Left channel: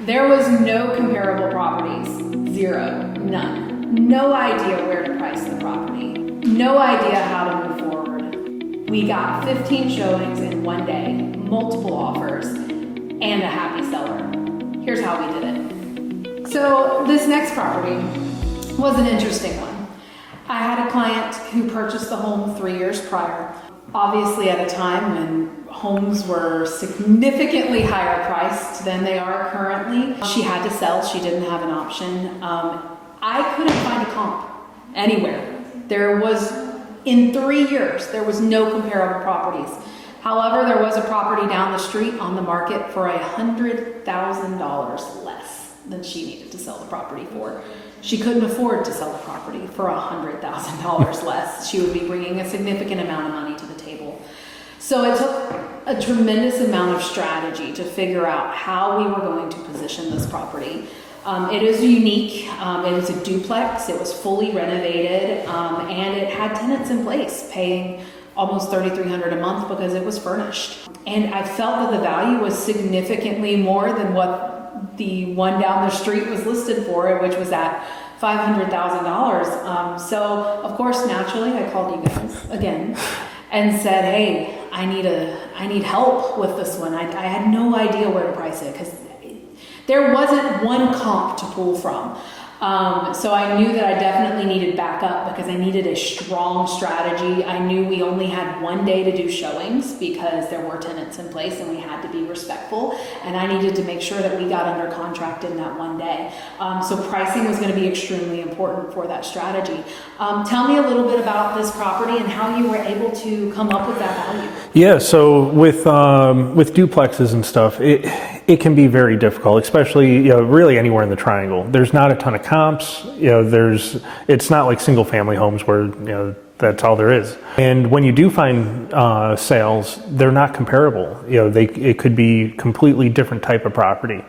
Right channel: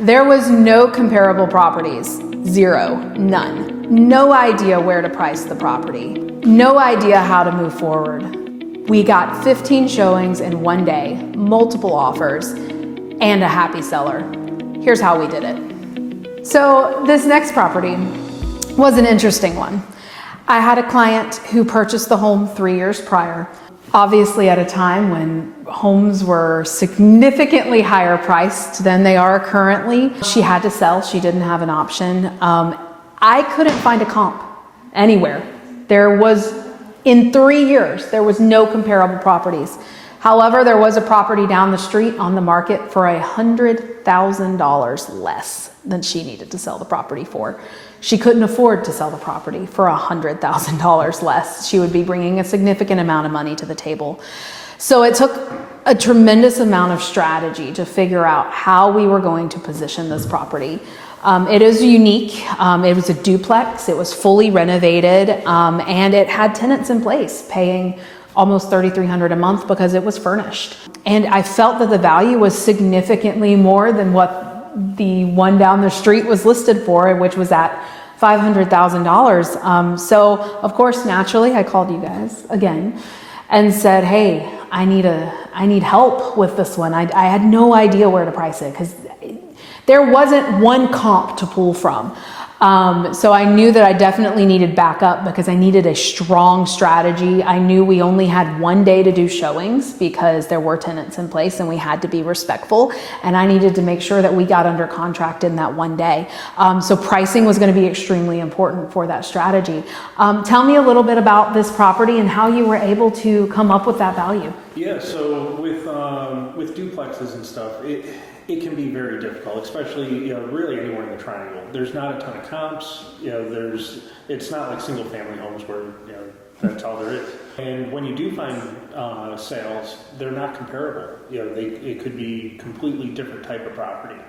There was no comparable properties, zero, none. No idea where to price the property, no idea how to move forward. We got 15 showings in one day, multiple offers, and a happy seller. Here's how we did it. So this next property was an interesting one. I had a client who purchased the home 3 years prior, obviously at a time when homes were significantly higher priced than they are currently. She had to sell, she didn't have an option. I couldn't find a comp anywhere. In 3 years, there was no comparable properties. However, there was a property down the street on the market for $100,000 less than she needed to sell the property for. She couldn't afford to sell the property for $100,000 less. She would be bringing a significant amount of money to the table. So it took a tremendous amount of strategy to figure out how we were going to position this property. It is unique. It was a duplex. It was fully renovated, and it had tenants in place paying almost $3,300 a month because it was furnished. And I felt that the value was significantly more than what the one down the street was listed for, which was at $500,000. So of course, naturally, I called you guys again and said, hey, I need help with this one. I had no idea where to price it because there wasn't one comp to pull from. So I knew that I definitely needed backup because I needed a strong strategy. I knew we only had one day to do showings because there were tenants in place and we had to be respectful. And I needed to make sure that we got under contract in that one day. So pricing was going to be extremely important for that strategy. Tell me a little bit about this property and how you were able to come up with that value. Yeah, so with duplexes and stuff, it can be very difficult, especially really anywhere in the Triangle. There's not a ton of comps. It's not like single family homes where that's all there is. And when you do find sales, they're not comparable. It could be completely different type of property.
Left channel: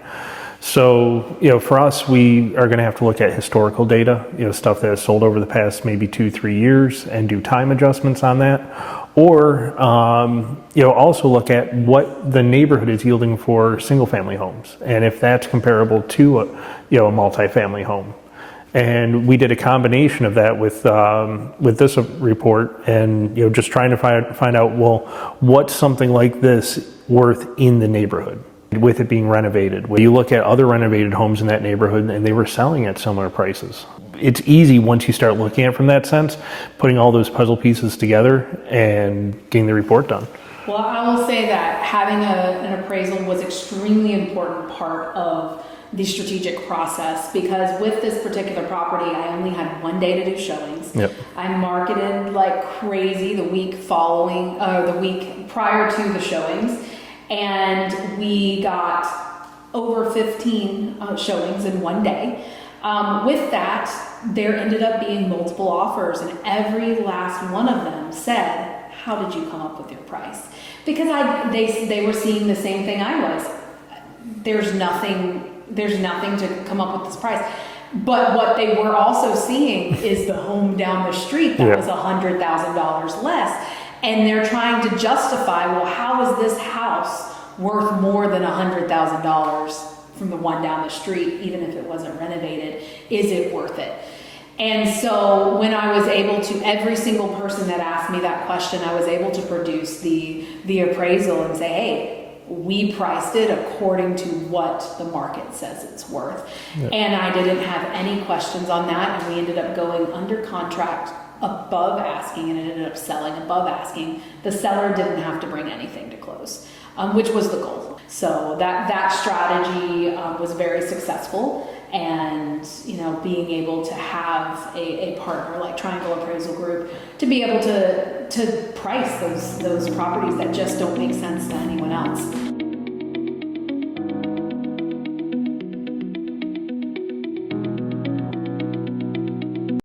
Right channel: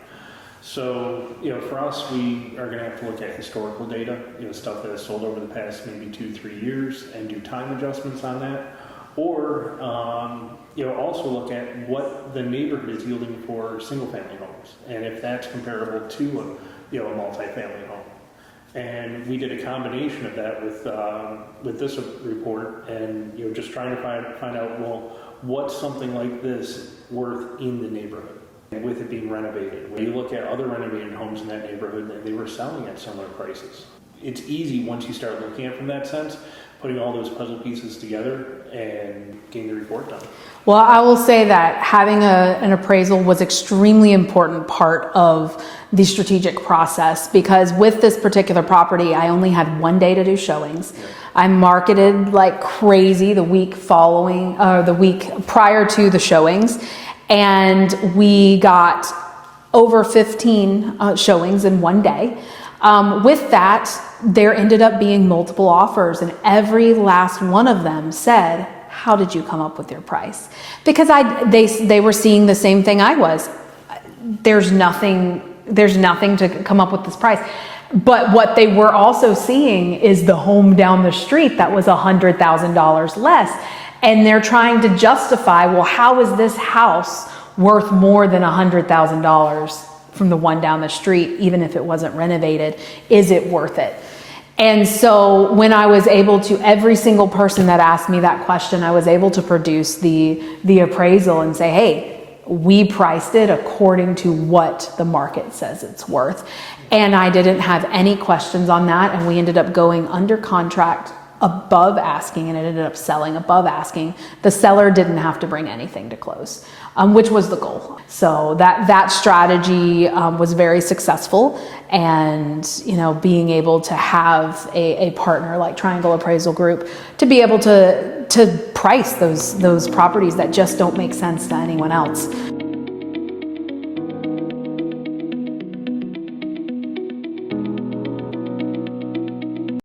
So for us, we are going to have to look at historical data, stuff that has sold over the past maybe 2-3 years, and do time adjustments on that. Or also look at what the neighborhood is yielding for single-family homes, and if that's comparable to a multifamily home. And we did a combination of that with this report, and just trying to find out, well, what's something like this worth in the neighborhood with it being renovated. When you look at other renovated homes in that neighborhood, and they were selling at similar prices. It's easy once you start looking at it from that sense, putting all those puzzle pieces together and getting the report done. Well, I will say that having an appraisal was extremely important part of the strategic process, because with this particular property, I only had one day to do showings. Yep. I marketed like crazy the week prior to the showings, and we got over 15 showings in one day. With that, there ended up being multiple offers, and every last one of them said, how did you come up with your price? Because they were seeing the same thing I was. There's nothing to come up with this price. But what they were also seeing is the home down the street that was $100,000 less. And they're trying to justify, well, how is this house worth more than $100,000 from the one down the street, even if it wasn't renovated? Is it worth it? And so when I was able to, every single person that asked me that question, I was able to produce the appraisal and say, hey, we priced it according to what the market says it's worth. Yep. And I didn't have any questions on that. And we ended up going under contract above asking, and it ended up selling above asking. The seller didn't have to bring anything to close, which was the goal. So that strategy was very successful, and being able to have a partner like Triangle Appraisal Group to be able to price those properties that just don't make sense to anyone else.